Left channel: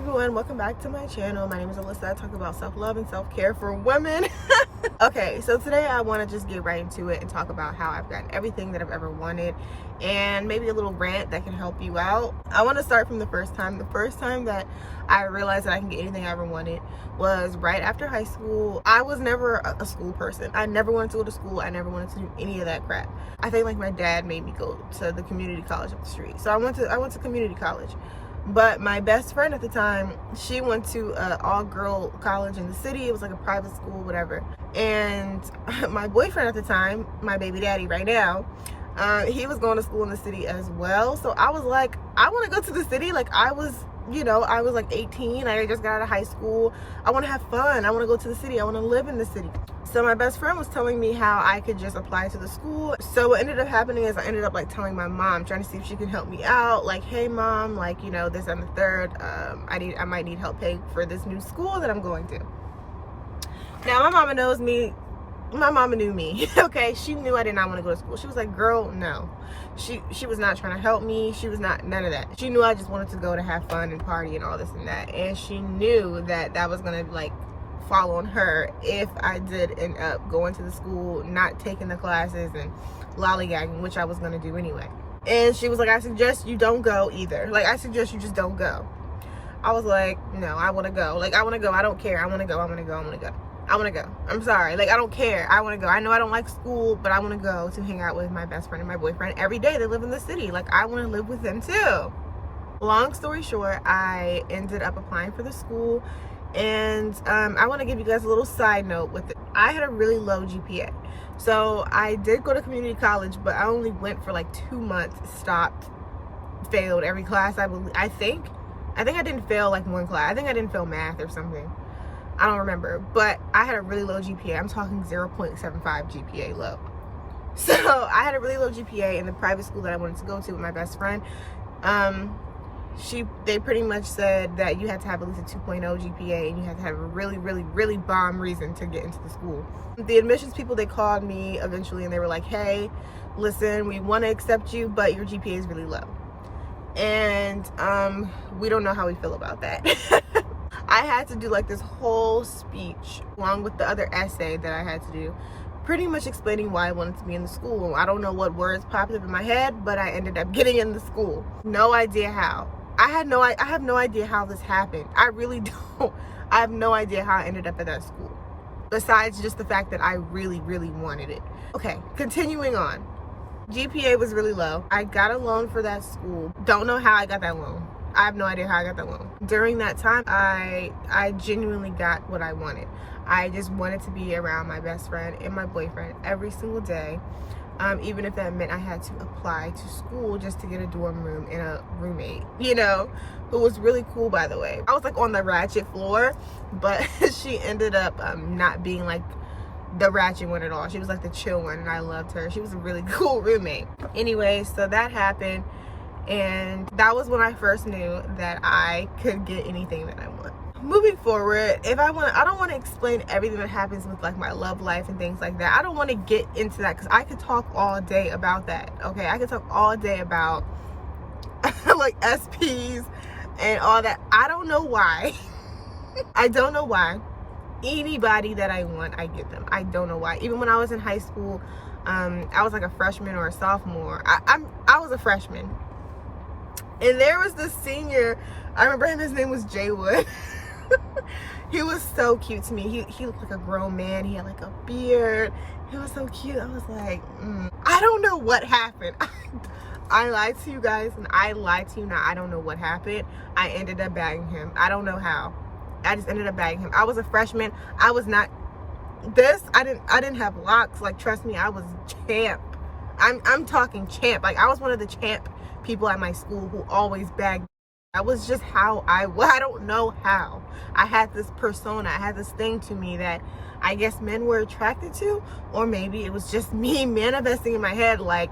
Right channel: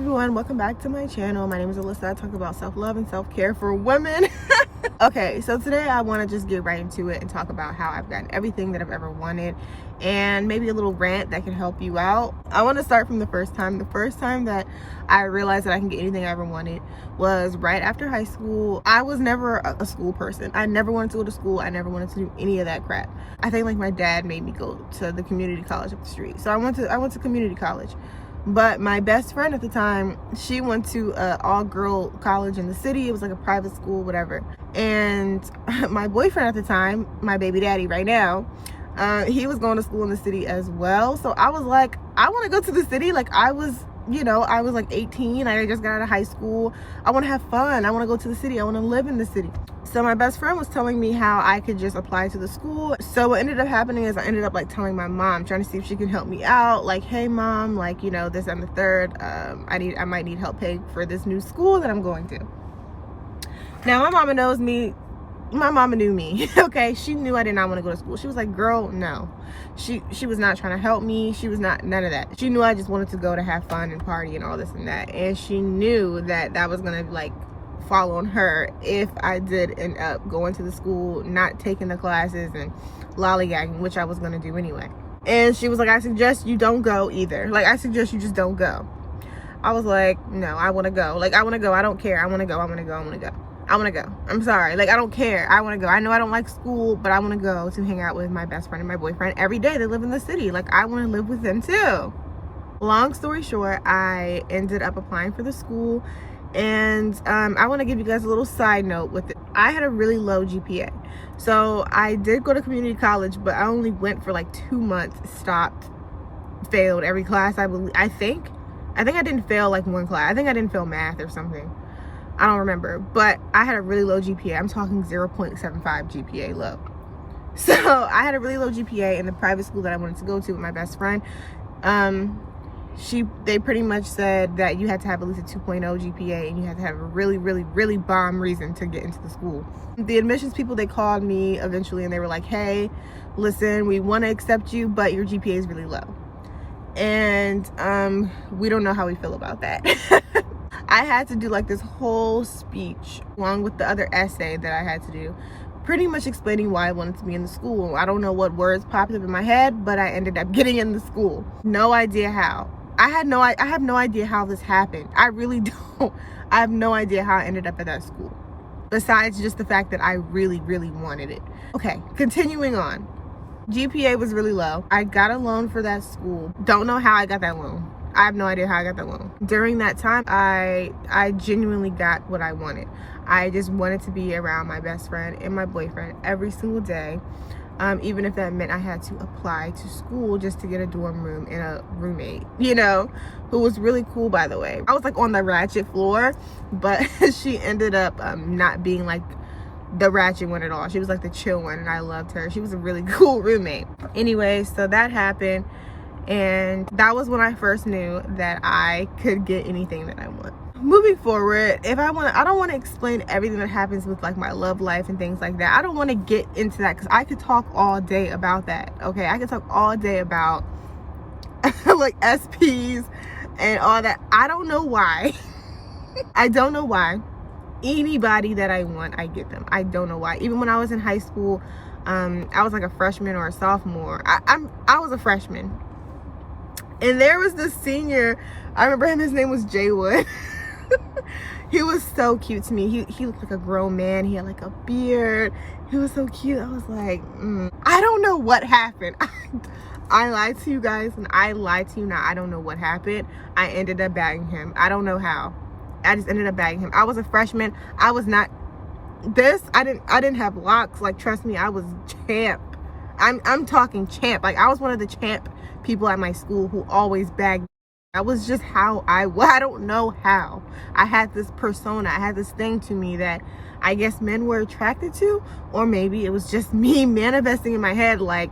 everyone, welcome back to my channel. My name is Alyssa. I talk about self-love and self-care for women. Okay, so today I want to just get right into it and talk about how I've gotten everything that I've ever wanted and maybe a little rant that can help you out. I want to start from the first time. The first time that I realized that I can get anything I ever wanted was right after high school. I was never a school person. I never wanted to go to school. I never wanted to do any of that crap. I think like my dad made me go to the community college up the street. So I went to community college. But my best friend at the time, she went to an all-girl college in the city. It was like a private school, whatever. And my boyfriend at the time, my baby daddy right now, he was going to school in the city as well. So I was like, I want to go to the city. Like I was like 18. I just got out of high school. I want to have fun. I want to go to the city. I want to live in the city. So my best friend was telling me how I could just apply to the school. So what ended up happening is I ended up like telling my mom, trying to see if she can help me out. Like, hey mom, like, you know, this and the third, I might need help paying for this new school that I'm going to. Now my mama knows me. My mama knew me. Okay, she knew I did not want to go to school. She was like, girl, no. She was not trying to help me. She was not, none of that. She knew I just wanted to go to have fun and party and all this and that. And she knew that that was gonna like fall on her if I did end up going to the school, not taking the classes and lollygagging, which I was gonna do anyway. And she was like, I suggest you don't go either. Like, I suggest you just don't go. I was like, no, I want to go. Like, I want to go. I don't care. I want to go. I want to go. I want to go. I want to go. I'm sorry. Like, I don't care. I want to go. I know I don't like school, but I want to go to hang out with my best friend and my boyfriend every day. They live in the city. Like, I want to live with them too. Long story short, I ended up applying for the school. And I want to give you guys a little side note with it. I had a really low GPA. So I did go to community college, but I only went for like 2 months, stopped, failed every class. I think I didn't fail like one class. I think I didn't fail math or something. I don't remember, but I had a really low GPA. I'm talking 0.75 GPA low. So I had a really low GPA in the private school that I wanted to go to with my best friend. They pretty much said that you had to have at least a 2.0 GPA and you had to have a really, really, really bomb reason to get into the school. The admissions people, they called me eventually and they were like, hey, listen, we want to accept you, but your GPA is really low. And we don't know how we feel about that. I had to do like this whole speech along with the other essay that I had to do, pretty much explaining why I wanted to be in the school. I don't know what words popped up in my head, but I ended up getting in the school. No idea how. I have no idea how this happened. I really don't. I have no idea how I ended up at that school, besides just the fact that I really, really wanted it. Okay, continuing on. GPA was really low. I got a loan for that school. Don't know how I got that loan. I have no idea how I got that loan. During that time, I genuinely got what I wanted. I just wanted to be around my best friend and my boyfriend every single day. Even if that meant I had to apply to school just to get a dorm room and a roommate, you know, who was really cool, by the way. I was like on the ratchet floor, but she ended up not being like the ratchet one at all. She was like the chill one, and I loved her. She was a really cool roommate. Anyway, so that happened, and that was when I first knew that I could get anything that I want. Moving forward, I don't want to explain everything that happens with like my love life and things like that. I don't want to get into that because I could talk all day about that. Okay, I could talk all day about like SPs and all that. I don't know why. I don't know why. Anybody that I want, I get them. I don't know why. Even when I was in high school, I was like a freshman or a sophomore. I was a freshman, and there was this senior. I remember him. His name was Jay Wood. He was so cute to me. He looked like a grown man. He had like a beard. He was so cute. I was like, I don't know what happened. I lied to you guys, and I lied to you now. I don't know what happened. I ended up bagging him. I don't know how. I just ended up bagging him. I was a freshman. I was not this. I didn't have locks. Like, trust me, I was champ. I'm talking champ. Like, I was one of the champ people at my school who always bagged. That was just how I don't know how. I had this persona. I had this thing to me that I guess men were attracted to, or maybe it was just me manifesting in my head like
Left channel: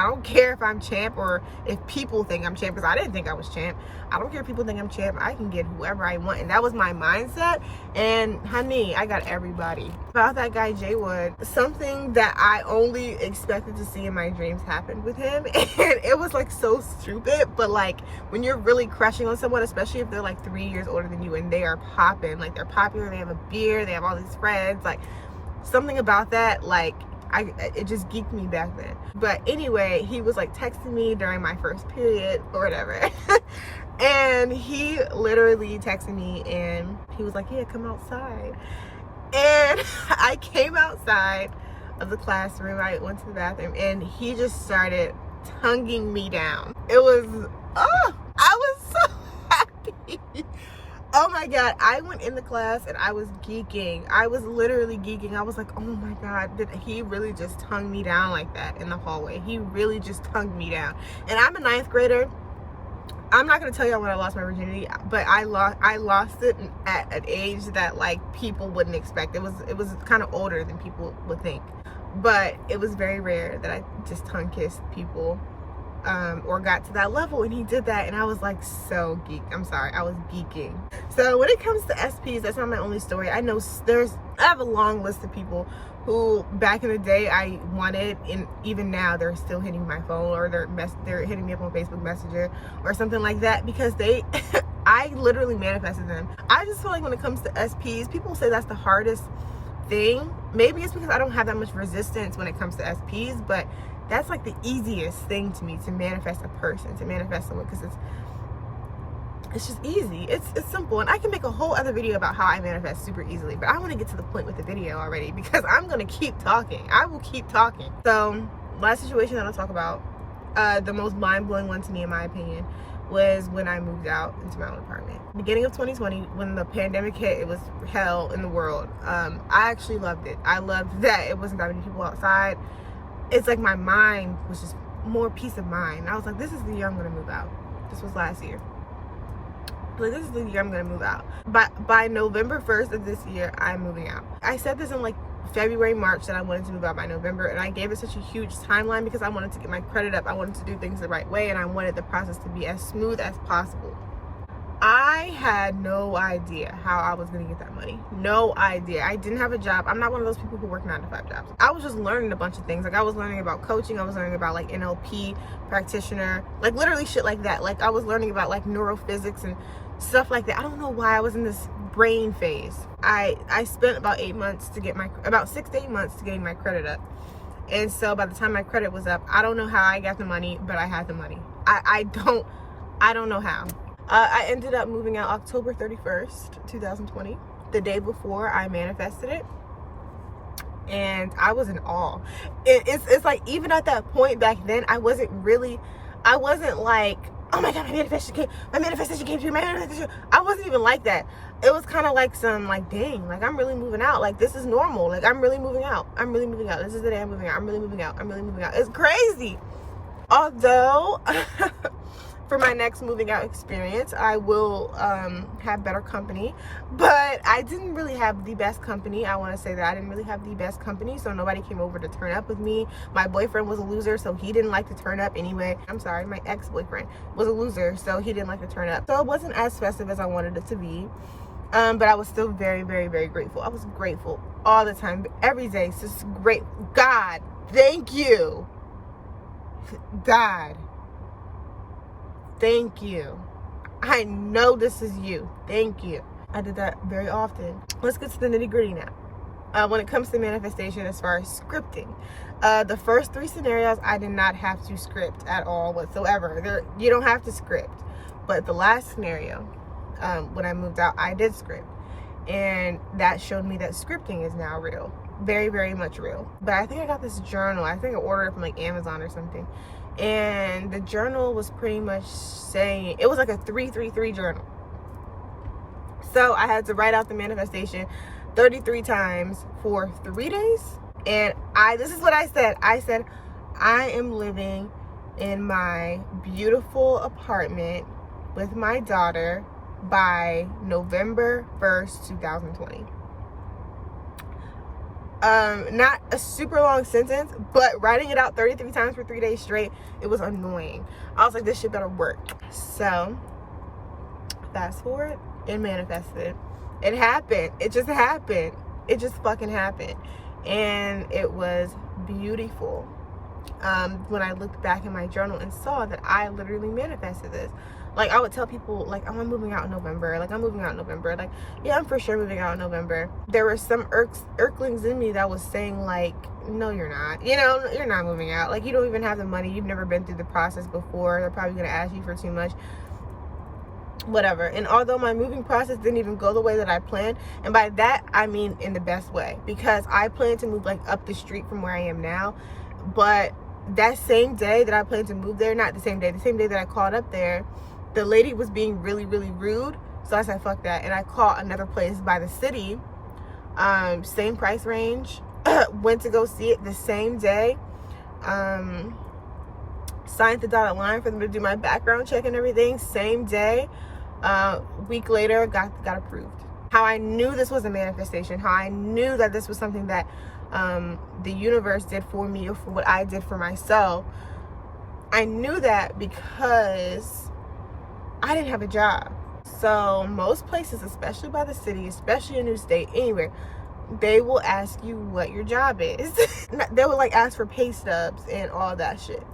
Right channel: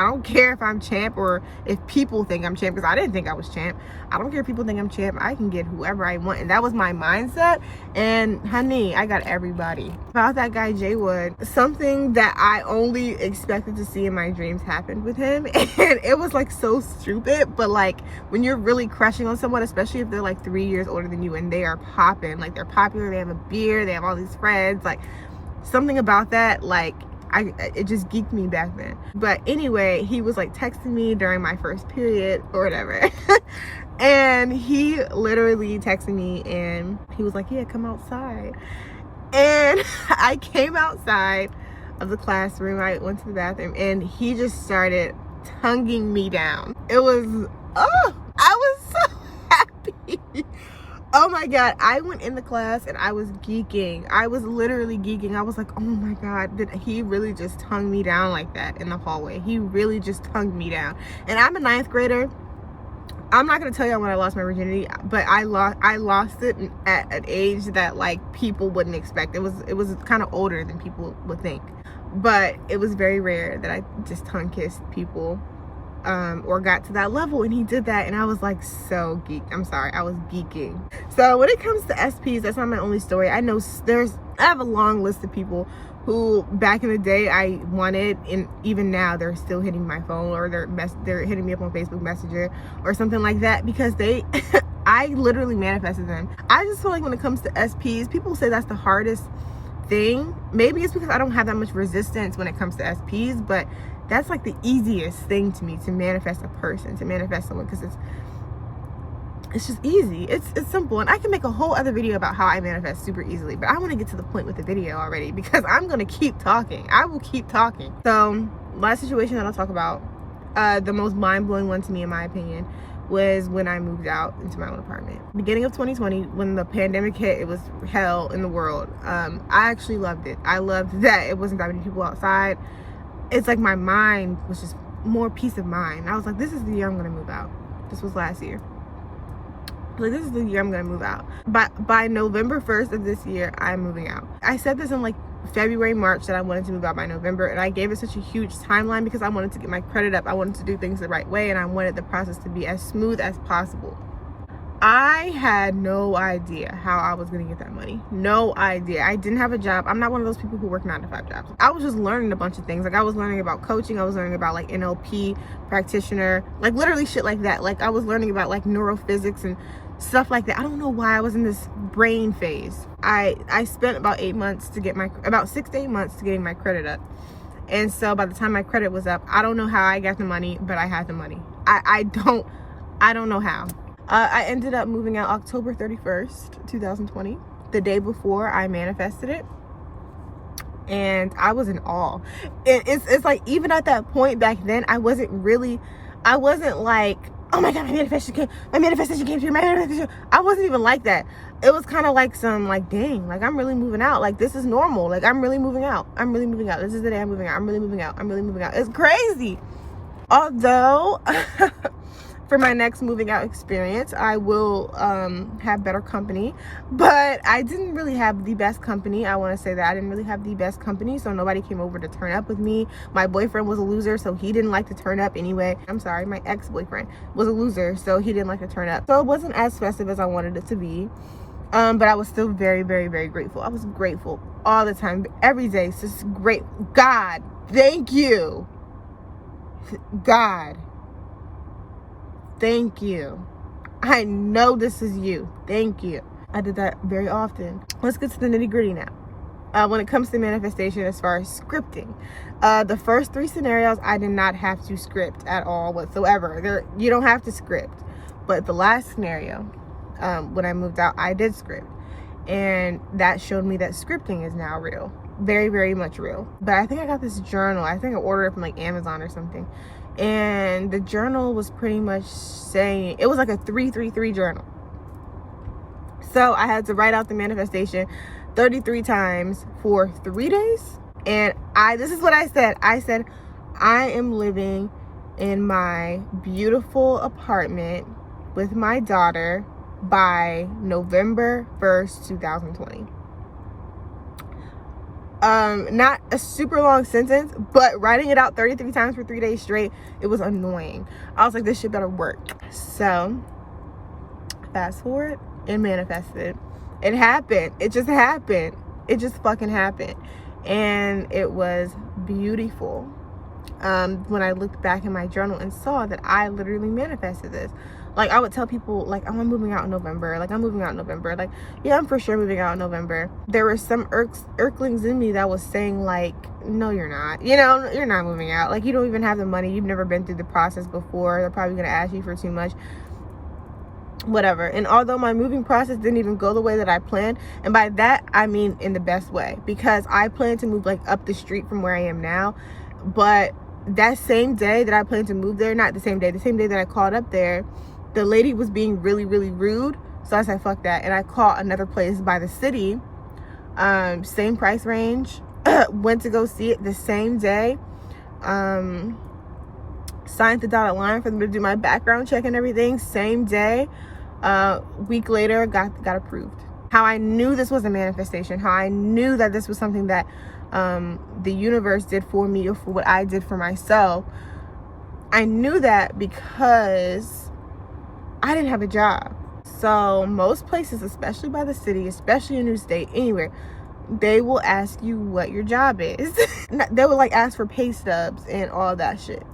I don't care if I'm champ or if people think I'm champ, because I didn't think I was champ. I don't care if people think I'm champ. I can get whoever I want. And that was my mindset. And honey, I got everybody. About that guy, Jay Wood, something that I only expected to see in my dreams happened with him. And it was like so stupid. But like when you're really crushing on someone, especially if they're like 3 years older than you and they are popping, like they're popular, they have a beard, they have all these friends, like something about that, like it just geeked me back then. But anyway, he was like texting me during my first period or whatever. And he literally texted me and he was like, yeah, come outside. And I came outside of the classroom. I went to the bathroom and he just started tonguing me down. It was, oh, I was so happy. Oh my God, I went in the class and I was geeking. I was literally geeking. I was like, oh my God, did he really just tongue me down like that in the hallway? He really just tongued me down. And I'm a 9th grader. I'm not gonna tell you when I lost my virginity, but I lost it at an age that like people wouldn't expect. It was kind of older than people would think. But it was very rare that I just tongue kissed people. Or got to that level, and he did that, and I was like so geeked. I'm sorry, I was geeking. So when it comes to SPs, that's not my only story. I know I have a long list of people who back in the day I wanted, and even now they're still hitting my phone, or they're hitting me up on Facebook Messenger or something like that, because they I literally manifested them. I just feel like when it comes to SPs, people say that's the hardest thing. Maybe it's because I don't have that much resistance when it comes to SPs, but that's like the easiest thing to me, to manifest a person, to manifest someone, because it's just easy. It's simple. And I can make a whole other video about how I manifest super easily, but I want to get to the point with the video already, because I'm going to keep talking. I will keep talking. So last situation that I'll talk about, the most mind-blowing one to me in my opinion, was when I moved out into my own apartment. Beginning of 2020, when the pandemic hit, it was hell in the world. I actually loved it. I loved that it wasn't that many people outside. It's like my mind was just more peace of mind. I was like, this is the year I'm gonna move out. This was last year. Like, this is the year I'm gonna move out. By November 1st of this year, I'm moving out. I said this in like February, March, that I wanted to move out by November, and I gave it such a huge timeline because I wanted to get my credit up. I wanted to do things the right way, and I wanted the process to be as smooth as possible. I had no idea how I was gonna get that money. No idea. I didn't have a job. I'm not one of those people who work 9 to 5 jobs. I was just learning a bunch of things. Like, I was learning about coaching. I was learning about like NLP practitioner, like literally shit like that. Like, I was learning about like neurophysics and stuff like that. I don't know why I was in this brain phase. I spent about 8 months to get about 6 to 8 months to getting my credit up. And so by the time my credit was up, I don't know how I got the money, but I had the money. I don't know how. I ended up moving out October 31st, 2020, the day before I manifested it. And I was in awe. It's like, even at that point back then, I wasn't like, oh my God, my manifestation came true, I wasn't even like that. It was kind of like some, like, dang, like, I'm really moving out. Like, this is normal. Like, I'm really moving out. I'm really moving out. This is the day I'm moving out. I'm really moving out. I'm really moving out. It's crazy. Although, for my next moving out experience, I will have better company, but I didn't really have the best company. I want to say that I didn't really have the best company, so nobody came over to turn up with me. My boyfriend was a loser, so he didn't like to turn up anyway. I'm sorry, my ex-boyfriend was a loser, so he didn't like to turn up. So it wasn't as festive as I wanted it to be, but I was still very, very, very grateful. I was grateful all the time, every day. It's just great. God, thank you. God, thank you. I know this is you. Thank you. I did that very often. Let's get to the nitty-gritty now. When it comes to manifestation, as far as scripting, the first 3 scenarios I did not have to script at all whatsoever. You don't have to script. But the last scenario, when I moved out, I did script. And that showed me that scripting is now real. Very, very much real. But I think I got this journal. I think I ordered it from like Amazon or something. And the journal was pretty much saying, it was like a 333 journal. So I had to write out the manifestation 33 times for 3 days. And this is what I said. I said, I am living in my beautiful apartment with my daughter by November 1st, 2020. not a super long sentence, but writing it out 33 times for 3 days straight, it was annoying. I was like, this shit better work. So fast forward, it manifested. It happened. It just happened. It just fucking happened. And it was beautiful. When I looked back in my journal and saw that I literally manifested this. Like, I would tell people, like, oh, I'm moving out in November. Like, I'm moving out in November. Like, yeah, I'm for sure moving out in November. There were some irklings in me that was saying, like, no, you're not. You know, you're not moving out. Like, you don't even have the money. You've never been through the process before. They're probably going to ask you for too much. Whatever. And although my moving process didn't even go the way that I planned, and by that, I mean in the best way, because I planned to move, like, up the street from where I am now. But that same day that I planned to move there, not the same day that I called up there, the lady was being really, really rude. So I said, fuck that. And I called another place by the city, same price range, went to go see it the same day, signed the dotted line for them to do my background check and everything, same day. Week later, got approved. How I knew this was a manifestation, how I knew that this was something that the universe did for me, or for what I did for myself. I knew that because I didn't have a job. So most places, especially by the city, especially a new state, anywhere, they will ask you what your job is. They will, like, ask for pay stubs and all that shit.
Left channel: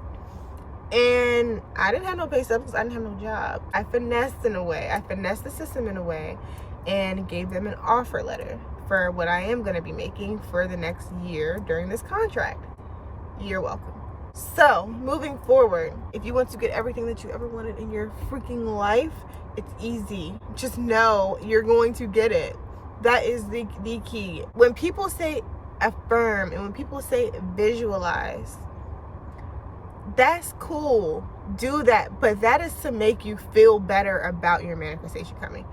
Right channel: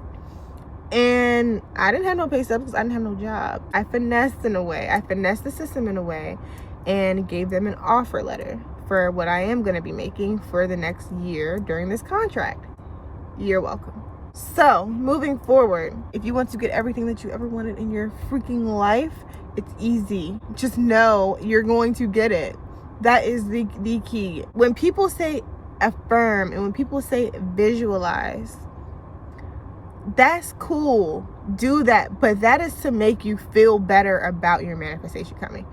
And I didn't have no pay stubs because I didn't have no job. I finessed in a way. I finessed the system in a way and gave them an offer letter for what I am going to be making for the next year during this contract. You're welcome. So, moving forward, if you want to get everything that you ever wanted in your freaking life, it's easy. Just know you're going to get it. That is the key. When people say affirm and when people say visualize, that's cool. Do that. But that is to make you feel better about your manifestation coming.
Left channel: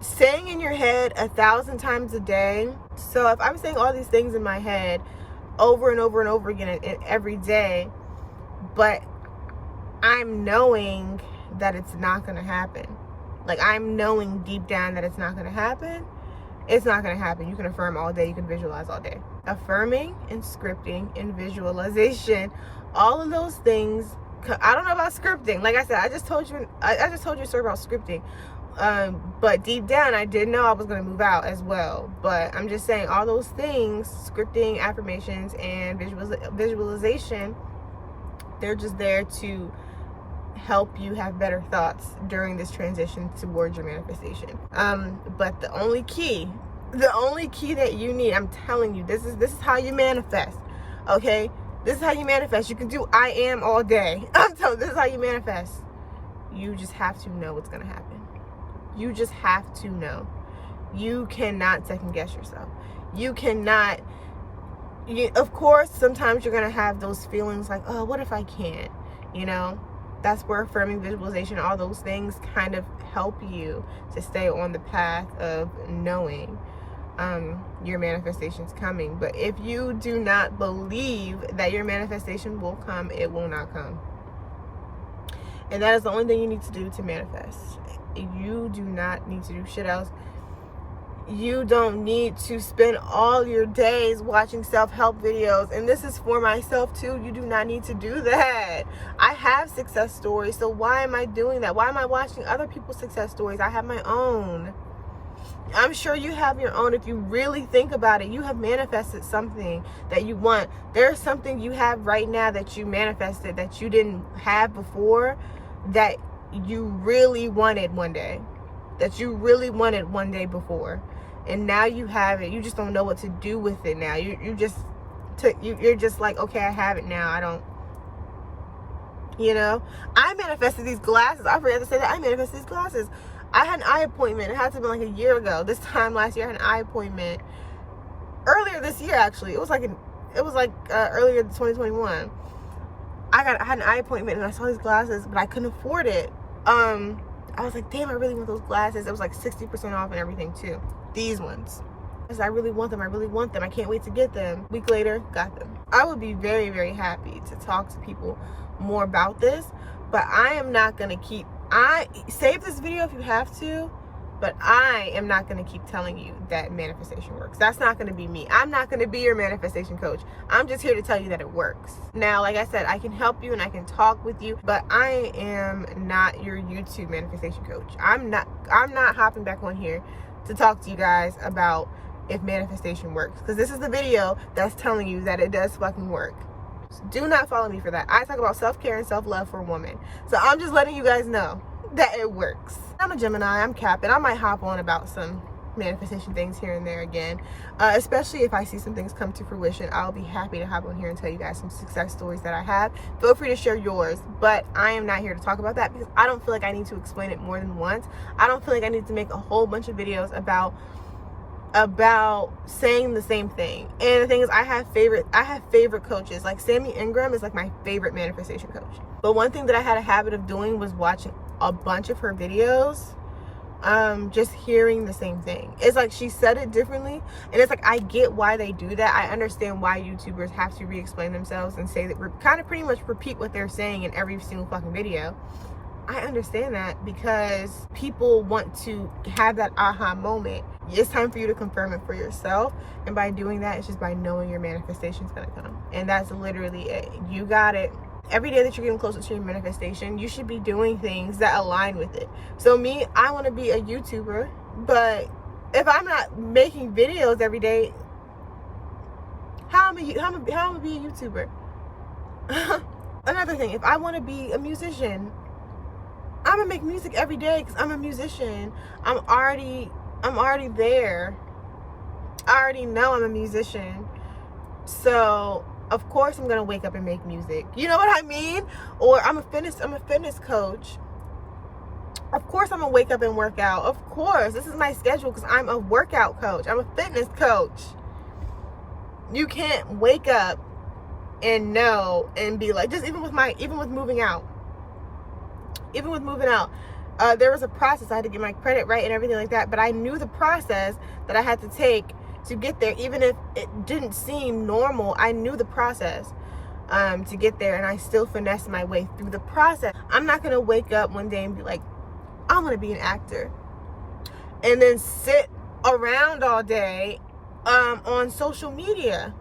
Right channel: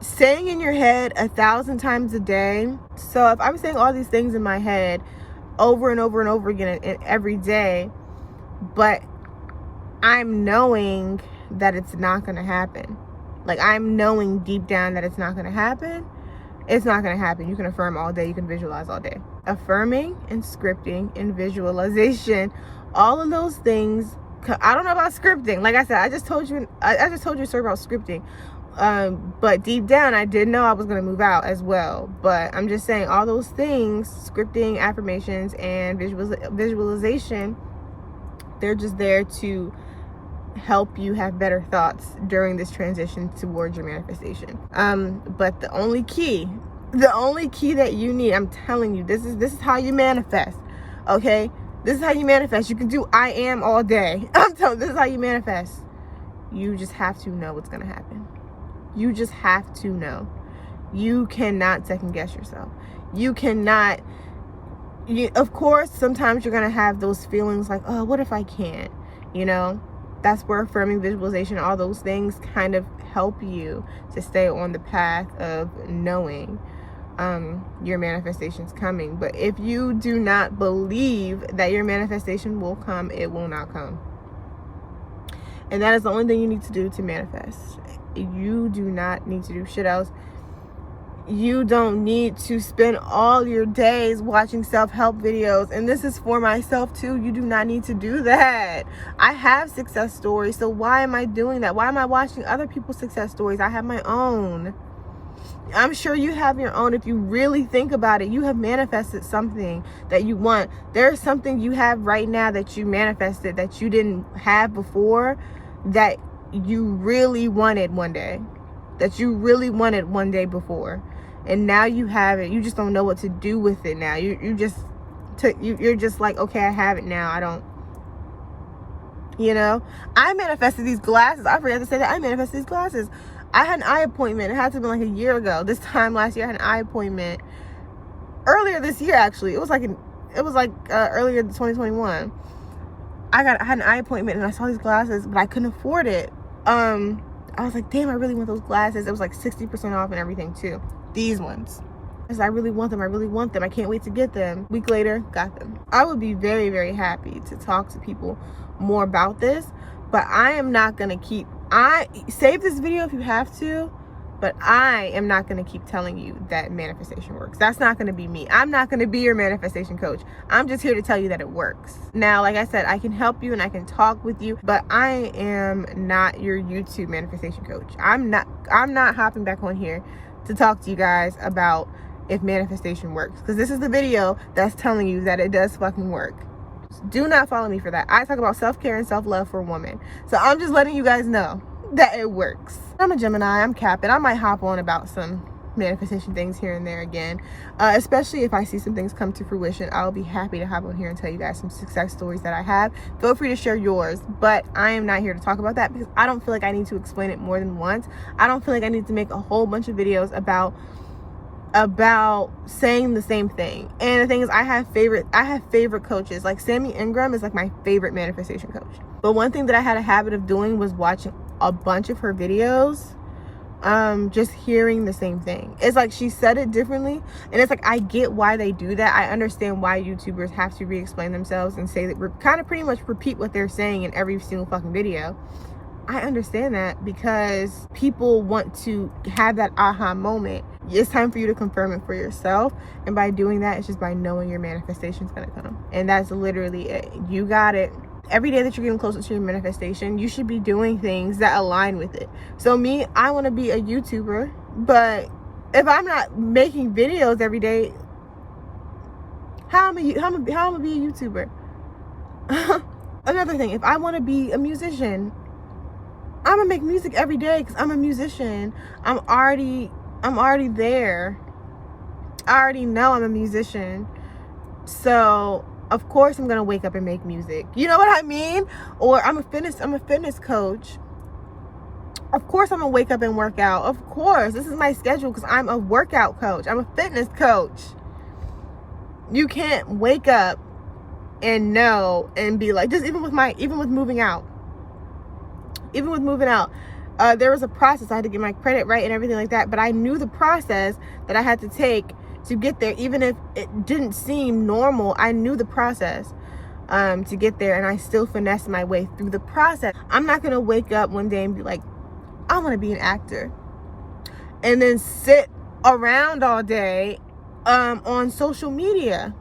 Saying in your head 1,000 times a day. So if I'm saying all these things in my head over and over and over again and every day, but I'm knowing that it's not going to happen. Like, I'm knowing deep down that it's not going to happen. It's not going to happen. You can affirm all day. You can visualize all day. Affirming and scripting and visualization, all of those things. I don't know about scripting. Like I said, I just told you a story about scripting. But deep down, I did know I was going to move out as well. But I'm just saying, all those things, scripting, affirmations, and visualization, they're just there to help you have better thoughts during this transition towards your manifestation. But the only key that you need, I'm telling you, this is how you manifest. Okay? This is how you manifest. You can do I am all day. I'm telling you, this is how you manifest. You just have to know what's going to happen. You just have to know. You cannot second guess yourself. You cannot, of course, sometimes you're going to have those feelings like, oh, what if I can't? You know, that's where affirming, visualization, all those things kind of help you to stay on the path of knowing your manifestation's coming. But if you do not believe that your manifestation will come, it will not come. And that is the only thing you need to do to manifest. You do not need to do shit else. You don't need to spend all your days watching self-help videos. And this is for myself too. You do not need to do that. I have success stories. So why am I doing that? Why am I watching other people's success stories? I have my own. I'm sure you have your own. If you really think about it, you have manifested something that you want. There's something you have right now that you manifested that you didn't have before, that you really wanted one day, that you really wanted one day before, and now you have it. You just don't know what to do with it now. You're just like, okay, I have it now. I don't, you know. I manifested these glasses. I forgot to say that I manifested these glasses. I had an eye appointment. It had to be like a year ago. This time last year, I had an eye appointment. Earlier this year, actually, it was like earlier in 2021. I had an eye appointment and I saw these glasses, but I couldn't afford it. I was like, damn, I really want those glasses. It was like 60% off and everything too. These ones. I really want them. I really want them. I can't wait to get them. Week later, got them. I would be very, very happy to talk to people more about this, but I am not gonna save this video if you have to, but I am not going to keep telling you that manifestation works. That's not going to be me. I'm not going to be your manifestation coach. I'm just here to tell you that it works. Now, like I said, I can help you and I can talk with you, but I am not your YouTube manifestation coach. I'm not hopping back on here to talk to you guys about if manifestation works, because this is the video that's telling you that it does fucking work. Do not follow me for that. I talk about self-care and self-love for women. So I'm just letting you guys know that it works. I'm a Gemini, I'm capping. I might hop on about some manifestation things here and there again, especially if I see some things come to fruition. I'll be happy to hop on here and tell you guys some success stories that I have. Feel free to share yours, but I am not here to talk about that because I don't feel like I need to explain it more than once. I don't feel like I need to make a whole bunch of videos about saying the same thing. And the thing is, I have favorite coaches. Like Sammy Ingram is like my favorite manifestation coach. But one thing that I had a habit of doing was watching a bunch of her videos, just hearing the same thing. It's like she said it differently, and it's like I get why they do that. I understand why YouTubers have to re-explain themselves and say that, kind of pretty much repeat what they're saying in every single fucking video. I understand that because people want to have that aha moment. It's time for you to confirm it for yourself, and by doing that, it's just by knowing your manifestation is going to come, and that's literally it. You got it. Every day that you're getting closer to your manifestation, you should be doing things that align with it. So me, I want to be a YouTuber, but if I'm not making videos every day, how am I be a YouTuber? Another thing, if I want to be a musician, I'm gonna make music every day because I'm a musician. I'm already there. I already know I'm a musician. So of course I'm gonna wake up and make music. You know what I mean? Or I'm a fitness coach. Of course I'm gonna wake up and work out. Of course, this is my schedule because I'm a workout coach. I'm a fitness coach. You can't wake up and know and be like, just even with moving out. Even with moving out, there was a process. I had to get my credit right and everything like that, but I knew the process that I had to take to get there. Even if it didn't seem normal, I knew the process to get there, and I still finessed my way through the process. I'm not gonna wake up one day and be like, I want to be an actor, and then sit around all day on social media.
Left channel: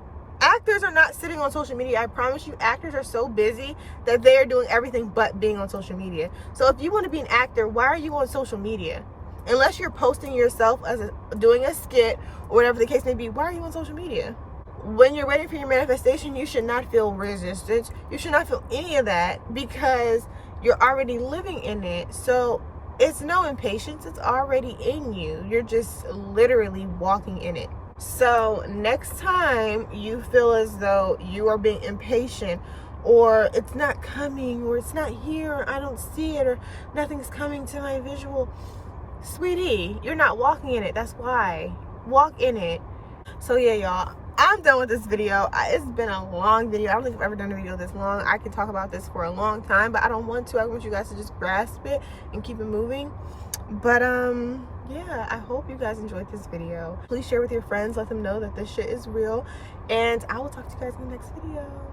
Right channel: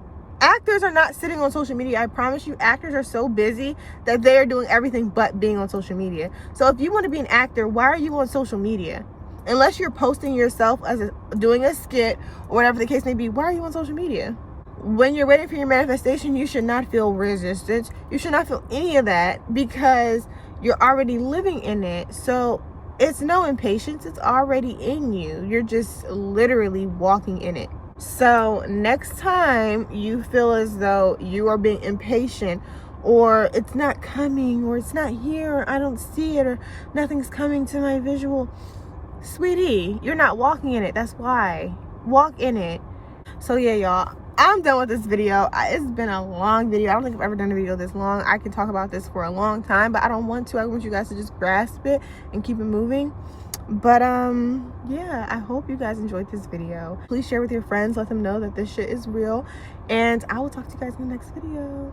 Actors are not sitting on social media. I promise you, actors are so busy that they are doing everything but being on social media. So if you want to be an actor, why are you on social media? Unless you're posting yourself as doing a skit or whatever the case may be, why are you on social media? When you're waiting for your manifestation, you should not feel resistance. You should not feel any of that because you're already living in it. So it's no impatience. It's already in you. You're just literally walking in it. So next time you feel as though you are being impatient, or it's not coming, or it's not here, or I don't see it, or nothing's coming to my visual, sweetie, you're not walking in it. That's why. Walk in it. So yeah, y'all, I'm done with this video. It's been a long video. I don't think I've ever done a video this long. I could talk about this for a long time, but I don't want to. I want you guys to just grasp it and keep it moving. But yeah, I hope you guys enjoyed this video. Please share with your friends, let them know that this shit is real, and I will talk to you guys in the next video.